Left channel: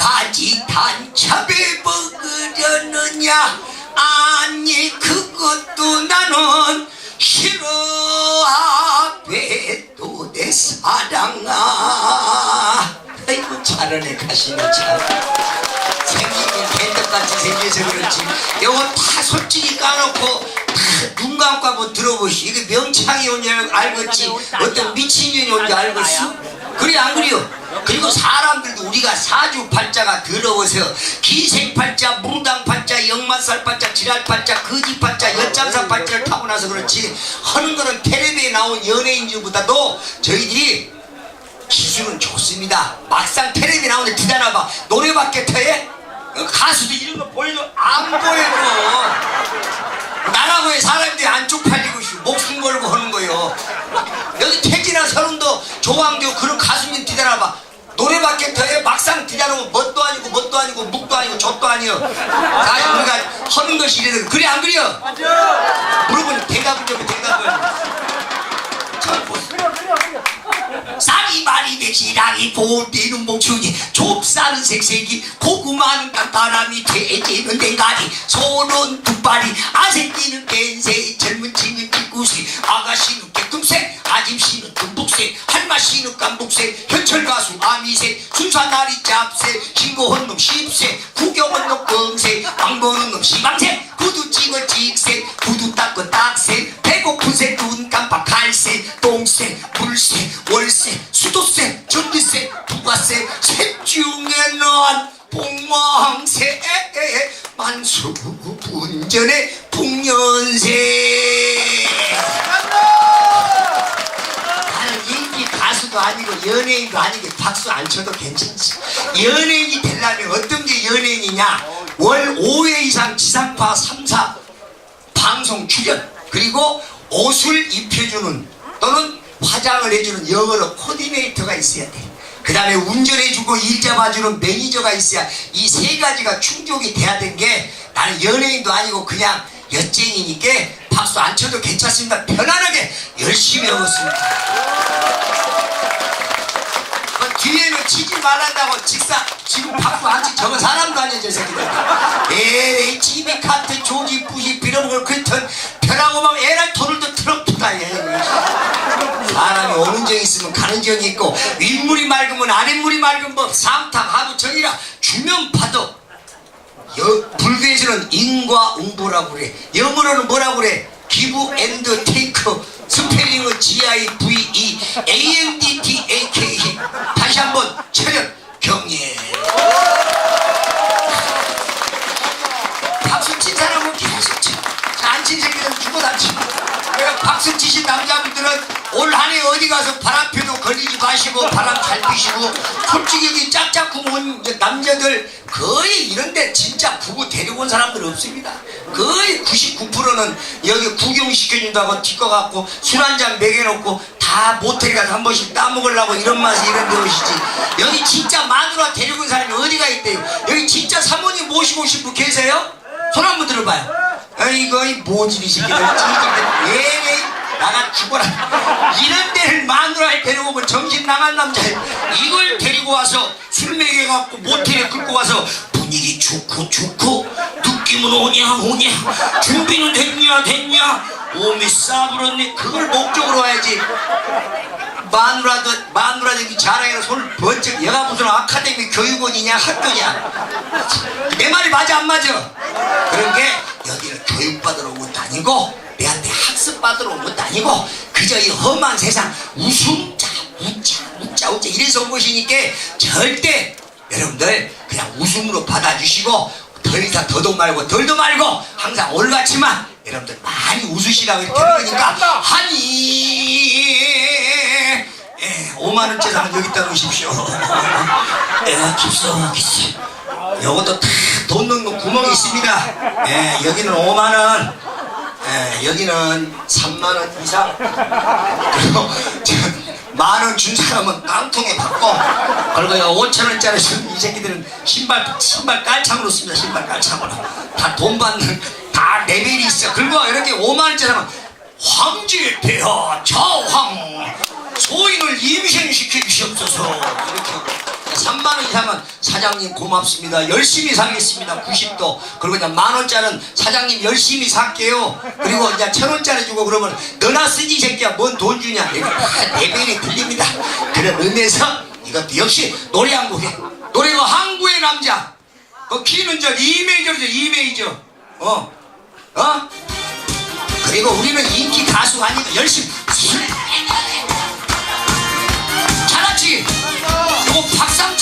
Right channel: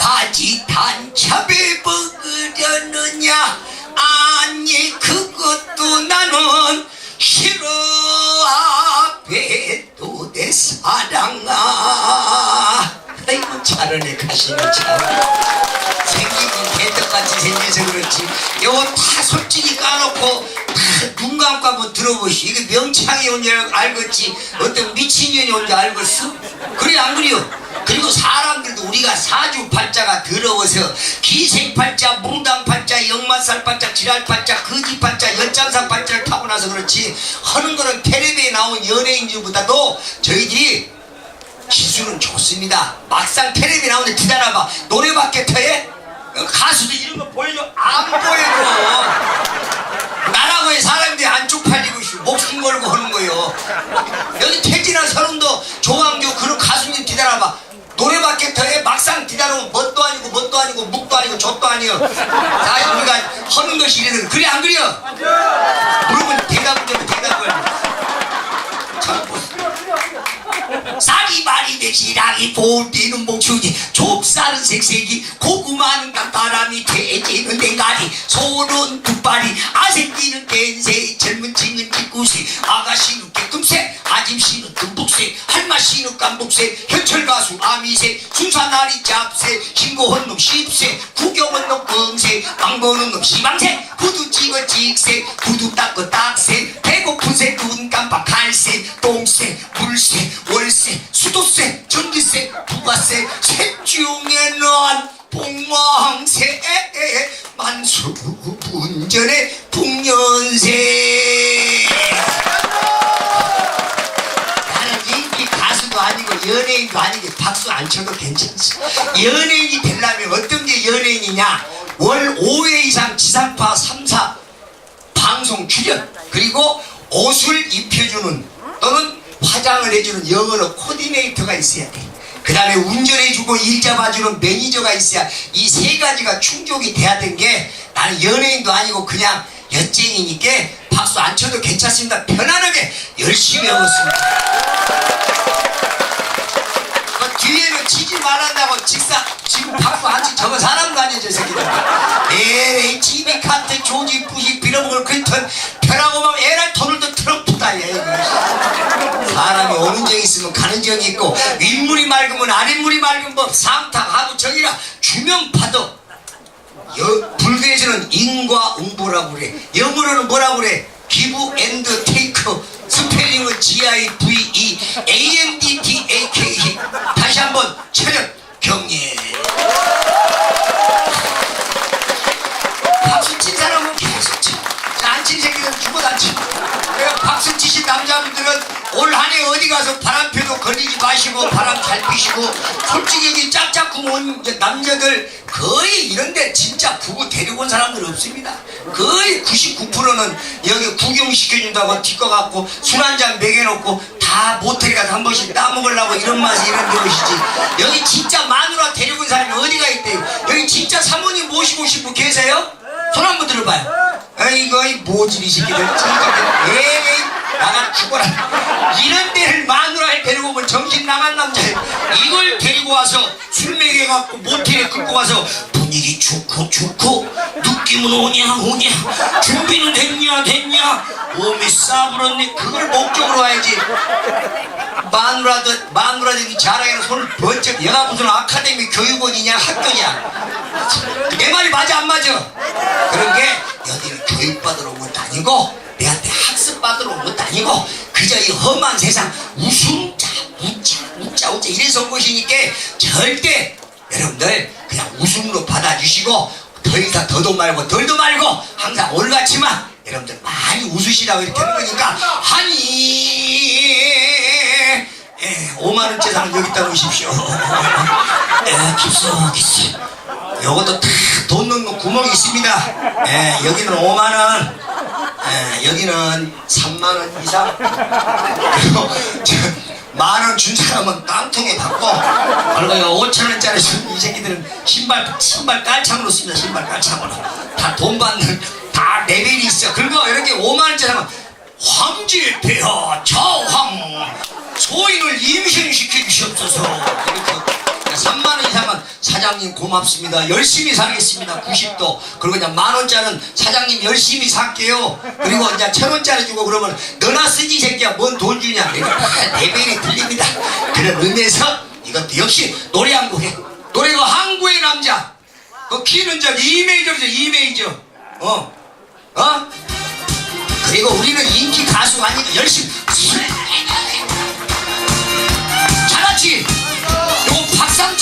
아직 단참에 먹으려느냐? 아니 그것도 나는 싫어. 앞에 또 내 사랑아. 아이고 잘하네 가시는 참. 생기긴 개떡같이 생겨서 그렇지. 이거 다 솔직히 까놓고 다눈 감고 한번 들어보시. 이게 명창이 온줄 알겠지. 어떤 미친년이 온줄 알겠어? 그래 안 그래요? 그리고 사람들도 우리가 사주팔자가 더러워서 기생팔자, 뭉당팔자, 역마살팔자, 지랄팔자, 거지팔자, 열장사팔자를 타고 나서 그렇지 하는 거는 텔레비에 나온 연예인들보다도 저희들이 기술은 좋습니다. 막상 텔레비 나오는데 기다려봐. 노래밖에 터해? 가수도 이런 거 보여줘. 안 보여줘. 나라고 해 사람들이 안 쪽 팔리고 있어. 목숨 걸고 하는 거요. 여기 태진아 서른도 조광조 더해 막상 기다리면 뭣도 아니고 뭣도 아니고 묵도 아니고 젖도 아니요. 다 우리가 하는 것이 이래는 그래 안 그래요? 물어보면 대답을 좀 대답을. 참 보세요. 사리바리 백시랑이 보디는 목축이 좁쌀은 색색이 고구마는 깜바람이 돼지는 대가리 소는 두발이 아새끼는 겐색 젊은 친은 뒷구색 아가씨는 깨끔색 아짐씨는 할마씨는 깜북색 현철가수 아미색 순사나리 짭색 신고한 놈 십색 구경한 놈 검색 망보는 놈 시방색 구두 찍어 찍색 구두 닦어 딱색 가수도 아니고 연예인도 아니고 박수 안 쳐도 괜찮지 연예인이 되려면 어떤 게 연예인이냐 월 5회 이상 지상파 3사 방송 출연 그리고 옷을 입혀주는 또는 화장을 해주는 영어로 코디네이터가 있어야 돼. 그 다음에 운전해주고 일 잡아주는 매니저가 있어야 이 세 가지가 충족이 돼야 된 게 나는 연예인도 아니고 그냥 여쟁이니까 박수 안 쳐도 괜찮습니다. 편안하게 열심히 하고 있습니다. 그 뒤에는 치지 말란다고 직사 지금 박수 안치 저거 사람도 아니야 저 새끼들 에이 집이 카트 조지 부시 빌어먹을 그턴 편하고 막 에랄 토를도 트럭트다 얘 사람이 오는 정 있으면 가는 정이 있고 윗물이 맑으면 아랫물이 맑은 법 삼탁 하도 정이라 주면 파도 여, 불교에서는 인과응보라고 그래. 영어로는 뭐라고 그래? 기브 앤드 테이크 스펠링은 G-I-V-E A-N-D-T-A-K 다시 한번 차렷 경례. 박수 친 사람은 계속 쳐안친 새끼들은 죽어도 안 쳐. 그래서 박수 치신 남자분들은 올 한해 어디 가서 바람표도 걸리지 마시고 바람 잘 피시고 솔직히 여기 짝짝 구멍 남자들 거의 이런데 진짜 부부 데리고 온 사람들 없습니다. 거의 99%는 여기 구경시켜준다고 뒷거 갖고 술 한 잔 먹여놓고 다 모텔에 가서 한 번씩 따먹으려고 이런 맛이 이런 것이지. 여기 진짜 마누라 데리고 온 사람이 어디가 있대요 여기 진짜 사모님 모시고 분 계세요? 손 한번 들어봐요. 아이고 이 모질이 새끼들. 진짜. 에이 나가 죽어라. 이런 데를 마누라를 데리고 오면 정신 나간 남자. 이걸 데리고 와서 술 먹여갖고 모텔에 끌고 와서 분위기 좋고 좋고. 느낌은 오냐 오냐. 준비는 됐냐 됐냐. 몸이 싸부렸네. 그걸 목적으로 와야지. 마누라도 마누라들이 자랑해서 손을 번쩍. 얘가 무슨 아카데미 교육원이냐 학교냐. 내 말이 맞아 안 맞아? 그런 게 여기는 교육받으러 온 것도 아니고 받으러 온 것도 아니고 그저 이 험한 세상 웃음자 웃자 웃자 웃자 이래서 온 것이니까 절대 여러분들 그냥 웃음으로 받아주시고 더 이상 더도 말고 덜도 말고 항상 올같지만 여러분들 많이 웃으시라고 이렇게 거니까 하니 예, 5만원짜리 사람 여기다 놓으십시오. 예, 깊숙이. 요것도 다 돈 넣는 구멍이 있습니다. 예, 여기는 5만원 예, 여기는 3만원 이상. 그리고 만원 준 사람은 깡통에 받고 그리고 5천원짜리 이 새끼들은 신발 신발 깔창으로 씁니다 신발 깔창으로. 다 돈 받는 다 레벨이 있어. 그리고 이렇게 5만원짜리 하면 황제 폐하 자황 소인을 임신시켜 주시옵소서. 이렇게 3만원 이상은 사장님 고맙습니다. 열심히 살겠습니다. 90도. 그리고 이제 만 원짜리는 사장님 열심히 살게요. 그리고 이제 천 원짜리 주고 그러면 너나 쓰지 이 새끼야. 뭔 돈 주냐. 내가 레벨이 틀립니다. 그런 의미에서 이것도 역시 노래 한 곡 해. 노래가 항구의 남자. 그 키는 저 2메이저죠 2메이저. 어? 어? 그리고 우리는 인기 가수가 아니까 열심히 잘하지? 박상철을 박상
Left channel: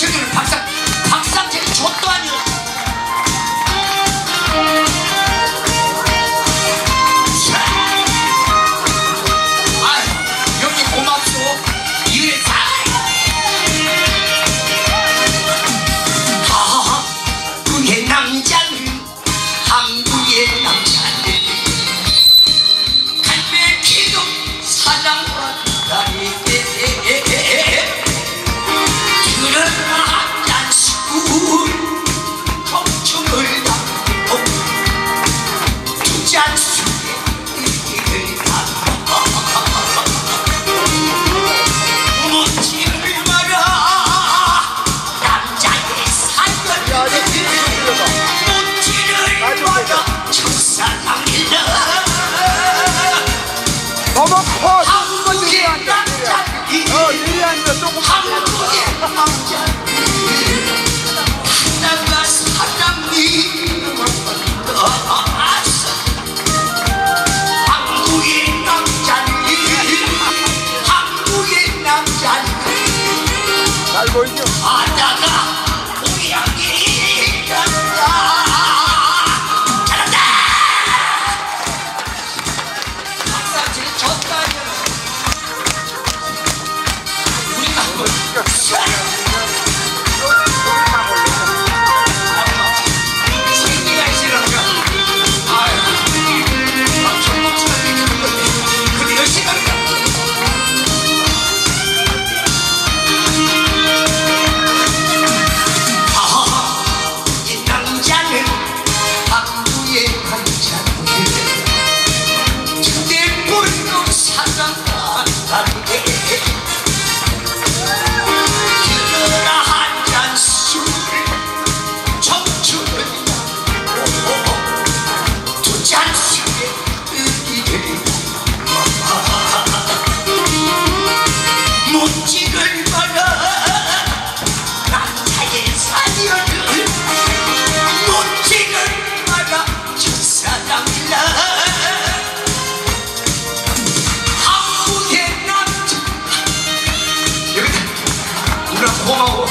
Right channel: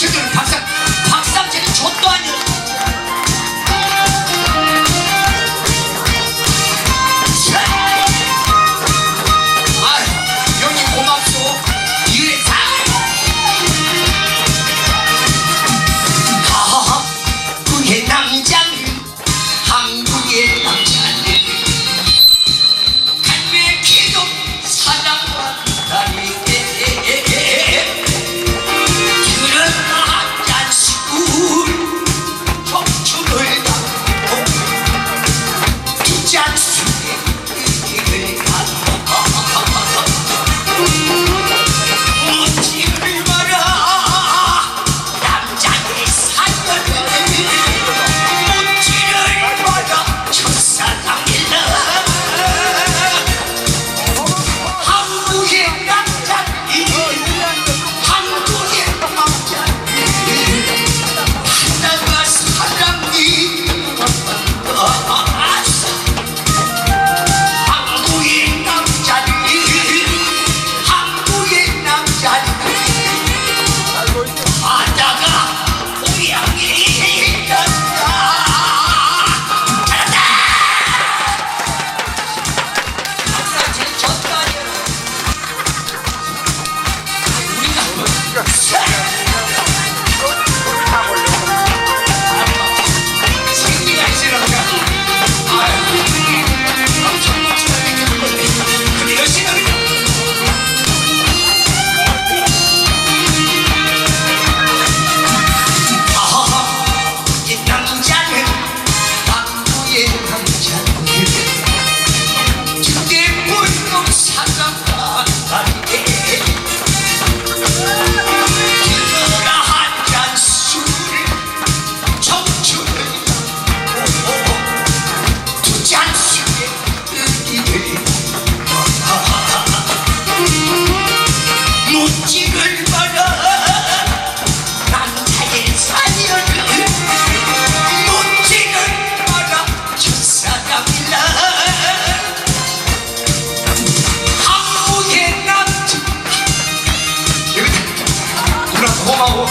고마워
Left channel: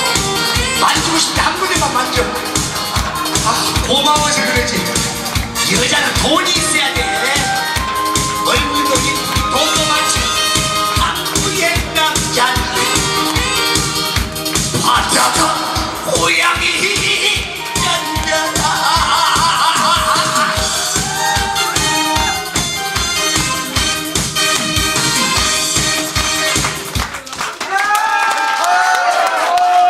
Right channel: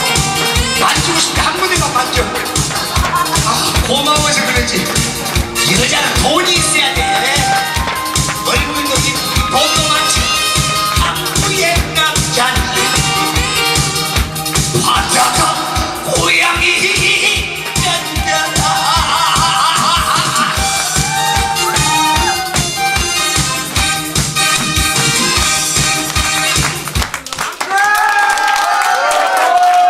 만지고 싶대 한 군데만 만져. 아, 고마워서 그러지. 이 여자는 돈이 있어